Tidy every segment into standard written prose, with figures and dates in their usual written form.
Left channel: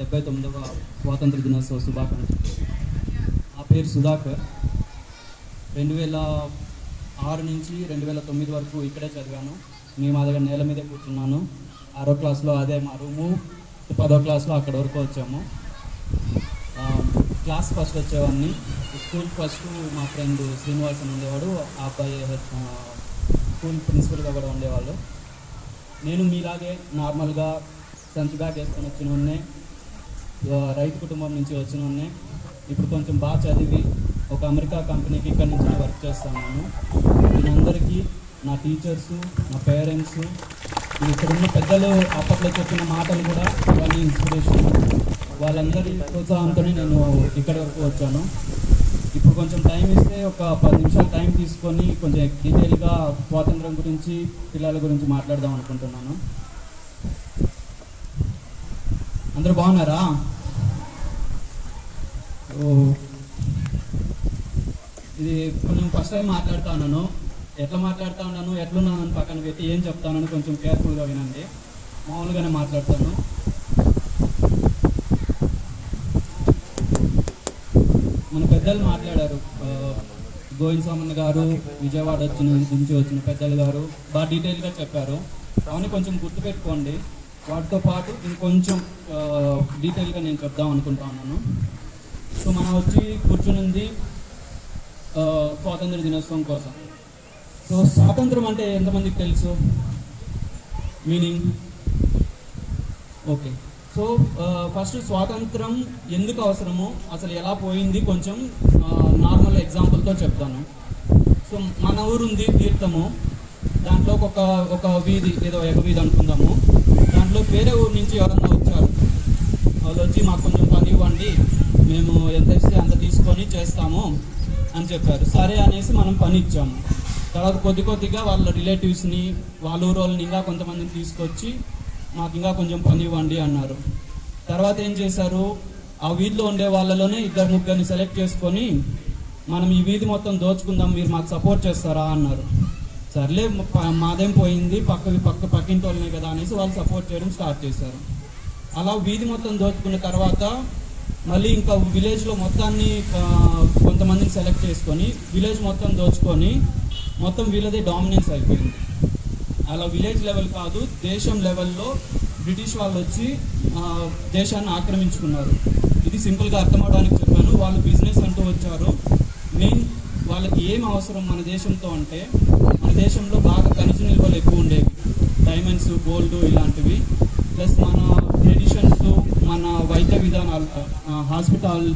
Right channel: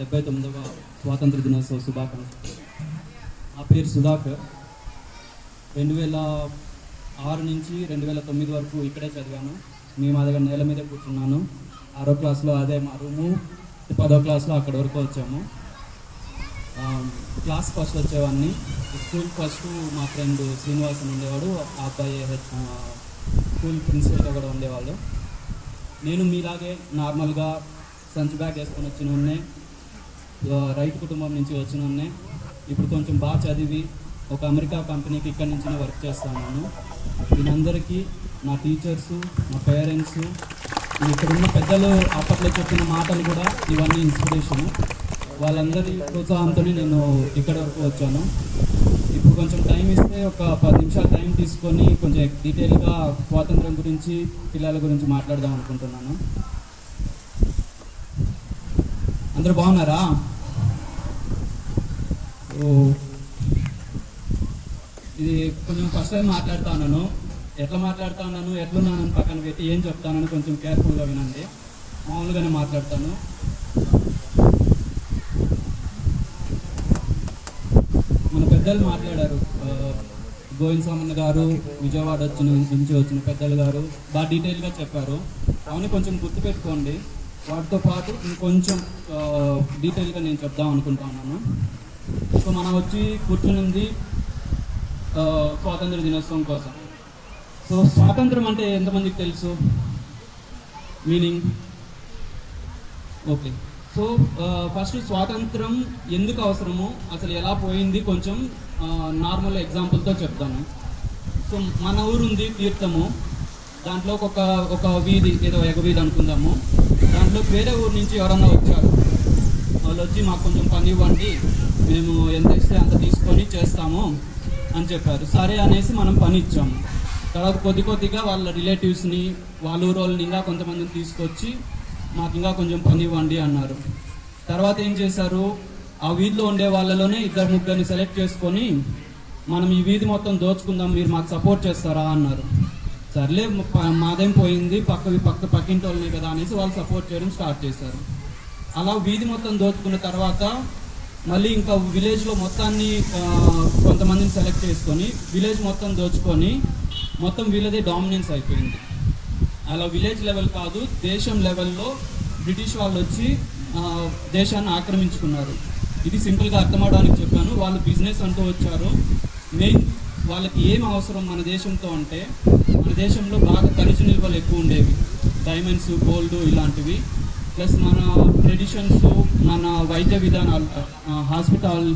79వ స్వాతంత్ర దినోత్సవ శుభాకాంక్షలు. నా పేరు సుధాకర్. 2006 నుంచి 2009 వరకు ఇక్కడే చదివాను. మేము మా దగ్గర నేల మీద కూర్చున్నాను. 6వ క్లాస్లో అదే మా రూము, 10వ క్లాస్లో అక్కడ వరకు వచ్చాము. క్లాస్ ఫస్ట్ వచ్చేవాడిని. స్కూల్ ఫస్ట్ మా ఫ్రెండ్ శ్రీనివాస్ అని ఉండేవాడు. ఆ అబ్బాయి స్కూల్ ప్రిన్సిపల్గా కూడా ఉండేవాళ్ళు. నేను మీలాగే నార్మల్గా సంచి బ్యాగ్ వేసుకొని వచ్చిన ఉన్నే, రైతు కుటుంబం నుంచి వచ్చిన ఉన్నే. ఇప్పుడు కొంచెం బాగా చదివి ఒక అమెరికా కంపెనీకి ఇక్కడి నుంచి వర్క్ చేస్తున్నాను. దీనందరికీ నా టీచర్సు, నా పేరెంట్స్, ఇక్కడున్న పెద్దలు అప్పట్లో చెప్పిన మాటలు కూడా ఇవన్నీ ఇన్స్పిరేషన్. వాళ్ళందరి ప్రోత్సాహంతోనే నేను ఇక్కడి వరకు వచ్చాను. ఇప్పుడు కొంచెం టైం ఇస్తే ఒక 10 నిమిషాలు టైం తీసుకొని కొంచెం డీటెయిల్గా స్వాతంత్రం గురించి, పిల్లల గురించి మాట్లాడదాం అనుకుంటున్నాను. అందరూ బాగున్నారా? ఇది కొంచెం ఫస్ట్ టైం మాట్లాడుతా ఉన్నాను. ఎట్లా మాట్లాడుతా ఉన్నాను, ఎట్లున్నాను అని పక్కన పెట్టి ఏం చెప్తానని కొంచెం కేర్ఫుల్గా వినండి. మామూలుగానే మాట్లాడతాను. మన పెద్దలు మాట్లాడారు, గోవింద్ సామన్న గారు, విజయవాడ నుంచి వచ్చిన పెద్దలు గారు బాగా డీటెయిల్గా చెప్పారు. అవన్నీ కొంచెం గుర్తుపెట్టుకోండి. వాటితో పాటు ఇంకొంచెం డీటెయిల్గా నేను చెప్దాం అనుకుంటా ఉన్నాను. సో మనం వచ్చి కూర్చునింది స్వాతంత్ర దినోత్సవం కోసం. సో స్వాతంత్రం అంటే ఎంతమందికి తెలుసు మీనింగ్? ఓకే. సో ఫస్ట్ స్వాతంత్రం ఎందుకు అవసరమో, అసలు ఎలా పోయింది కొంచెం నార్మల్ ఎగ్జాంపుల్తో చెప్తాను. సో మన ఊరు ఉంది తీర్థము. దాంట్లో ఒక వీధి, ఏదో ఎగవీధి అనుకుందాము. దాంట్లో వేరే ఊరు నుంచి ఎవరన్నా వచ్చారు. వాళ్ళు వచ్చి మాకు కొంచెం పని ఇవ్వండి, మేము ఎంత ఇస్తే అంత తీసుకొని చేస్తాము అని చెప్పారు. సరే అనేసి మనం పని ఇచ్చాము. తర్వాత కొద్దిగా వాళ్ళ రిలేటివ్స్ని, వాళ్ళ ఊరు వాళ్ళని ఇంకా కొంతమందిని తీసుకొచ్చి మాకు ఇంకా కొంచెం పని ఇవ్వండి అన్నారు. తర్వాత ఏం చేశారు, ఆ వీధిలో ఉండే వాళ్ళలోనే 2-3 సెలెక్ట్ చేసుకొని మనం ఈ వీధి మొత్తం దోచుకుందాం, మీరు మాకు సపోర్ట్ చేస్తారా అన్నారు. సర్లే మాదేం పోయింది, పక్కింటి వాళ్ళనే కదా అనేసి వాళ్ళు సపోర్ట్ చేయడం స్టార్ట్ చేశారు. అలా వీధి మొత్తం దోచుకున్న తర్వాత మళ్ళీ ఇంకా విలేజ్లో మొత్తాన్ని కొంతమందిని సెలెక్ట్ చేసుకొని విలేజ్ మొత్తం దోచుకొని మొత్తం వీళ్ళదే డామినెన్స్ అయిపోయింది. అలా విలేజ్ లెవెల్ కాదు, దేశం లెవెల్లో బ్రిటిష్ వాళ్ళు వచ్చి దేశాన్ని ఆక్రమించుకున్నారు. ఇది సింపుల్గా అర్థమవడానికి చెప్పాను. వాళ్ళు బిజినెస్ అంటూ వచ్చారు. మెయిన్ వాళ్ళకి ఏం అవసరం మన దేశంతో అంటే, మన దేశంలో బాగా ఖనిజ నిల్వలు ఎక్కువ ఉండేవి, డైమండ్స్, గోల్డ్ ఇలాంటివి. ప్లస్ మన ట్రెడిషన్స్, మన వైద్య విధానాలు, హాస్పిటల్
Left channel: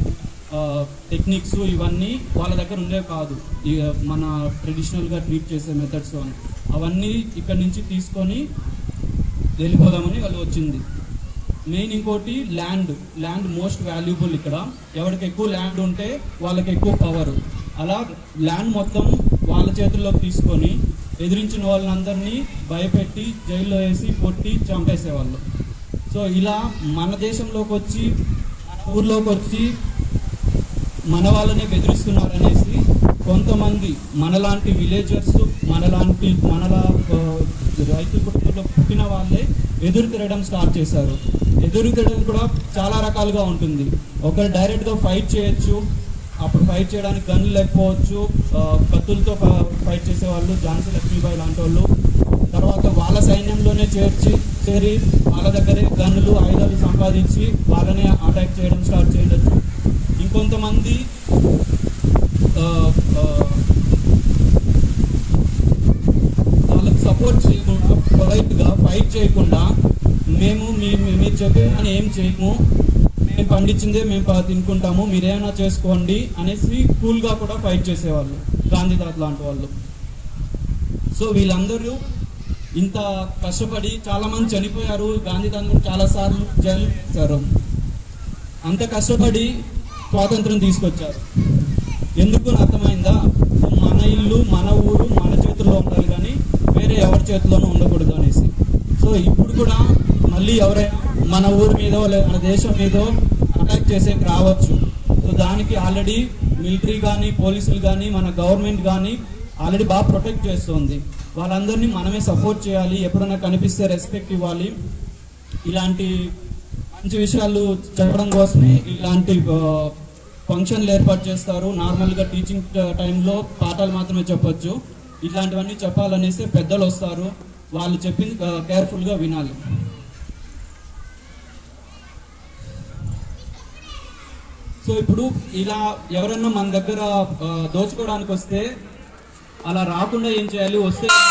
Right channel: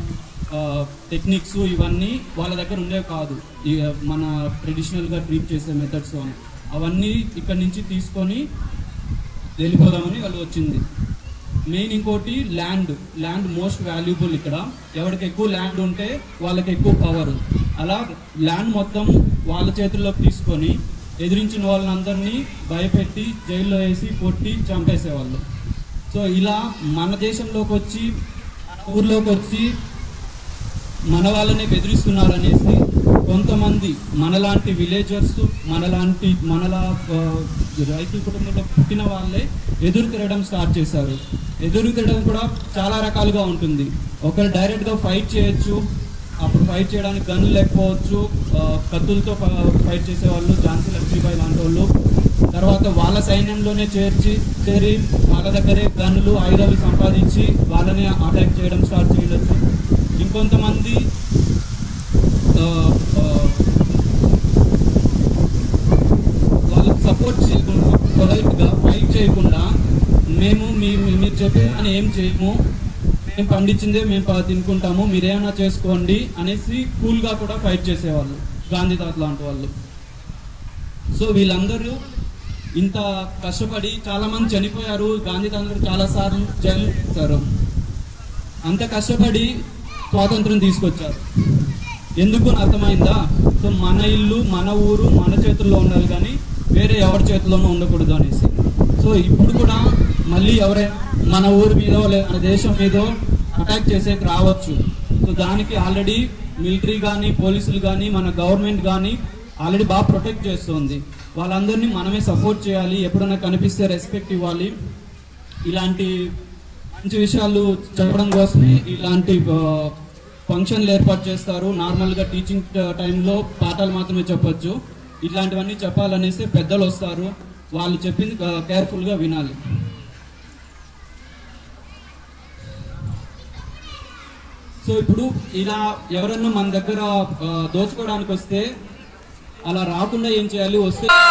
టెక్నిక్స్ ఇవన్నీ వాళ్ళ దగ్గర ఉండేవి కాదు. మన ట్రెడిషనల్గా ట్రీట్ చేసే మెథడ్స్ అవన్నీ ఇక్కడి నుంచి తీసుకొని వెళ్ళిపోదామని వాళ్ళు వచ్చింది. మెయిన్ ఇంకోటి ల్యాండ్ మోస్ట్ వాల్యుబుల్. ఇక్కడ ఎవరికి ఎక్కువ ల్యాండ్ ఉంటే వాళ్ళకి ఎక్కువ పవర్. అలా ల్యాండ్ మొత్తం వాళ్ళ చేతుల్లోకి తీసుకొని ఎదిరించిన వాళ్ళందరినీ భయపెట్టి జైల్లో వేసి కొట్టి చంపేసేవాళ్ళు. సో ఇలా మన దేశంలోకి వచ్చి, మన ఊర్లోకి వచ్చి మన వాళ్ళనే బెదిరిస్తున్నారనేసి కొంతమంది మనలాంటి విలేజర్స్, మనలా రైతు కుటుంబంలో పుట్టిన వాళ్ళే ఎదురు తిరగడం స్టార్ట్ చేశారు. ఎదురు తిరగడం కూడా చాలా రకాలుగా ఉంటుంది. ఒకరు డైరెక్ట్గా ఫైట్ చేయొచ్చు, అప్పుడు ఫైట్ చేయడానికి గన్లు లేకపోవచ్చు, కత్తులతో ఫైట్ చేసేవాళ్ళు, ఝాన్సీ లక్ష్మీబాయి లాంటి వాళ్ళు. తర్వాత వాళ్ళ సైన్యంలోనే చేరి వాళ్ళ దగ్గరే గన్నులు, ఆయుధాలు సంపాదించి వాళ్ళనే అటాక్ చేయడం స్టార్ట్ చేయవచ్చు. ఇంకొంతమంది వాళ్ళకి సపోర్ట్ చేయకుండా, పొలైట్గా ఫైట్ చేయకుండా, మీరు చెప్పే అని ఏం చేయము, మేము పండించిందే మేము తినుకుంటాము, మీరేమైనా చేసుకోండి అనేసి కూల్గా కూడా ఫైట్ చేసేవాళ్ళు, గాంధీ తాత లాంటి వాళ్ళు. సో వీళ్ళందరూ ఇంత కష్టపడి చాలా మంది చనిపోయారు. గాంధీ తాత చాలా సార్లు జైలు చేశారు. అంత కష్టపడి స్వాతంత్రం తీసుకొచ్చారు. ఎందుకు అర్థమైందా? సో మన ఇల్లు, మన ఊరు మన చేతుల్లో ఉండాలి, కానీ వేరే ఎవరి చేతుల్లోనూ ఉండకూడదు అనేసి. సో ఇప్పుడు కూడా మళ్ళీ ఎవరైనా మన ఊరి మీదో మన దేశం మీదో అటాక్ చేసేకి రావచ్చు. సో దానికి ఆల్రెడీ మిలిటరీ కానీ, పోలీసులు కానీ, మన గవర్నమెంట్ కానీ ఆల్రెడీ బాగా ప్రొటెక్ట్ చేస్తుంది. వాళ్ళందరినీ మనమే సపోర్ట్ చేయాలి, ఎప్పుడైనా కనిపిస్తే రెస్పెక్ట్ ఇవ్వాలి. ఇలాంటి మంచి విషయాలు చెప్పడం కోసమే ఇలాంటి ఫంక్షన్లు ఏర్పాటు చేస్తారు. నార్మల్ గా టీచింగ్ టైంలో పాఠాలు మాత్రమే చెప్పొచ్చు. ఇట్లాంటివన్నీ చెప్పాలనేసి పెద్దలు వస్తారు, వాళ్ళు చెప్పింది కేర్ఫుల్ గా వినాలి. సో ఇప్పుడు ఇలా ఎవరన్నా మన దగ్గర దోచుకోవడానికి వస్తే అలా రాకుండా ఏం చేయాలి, వస్తే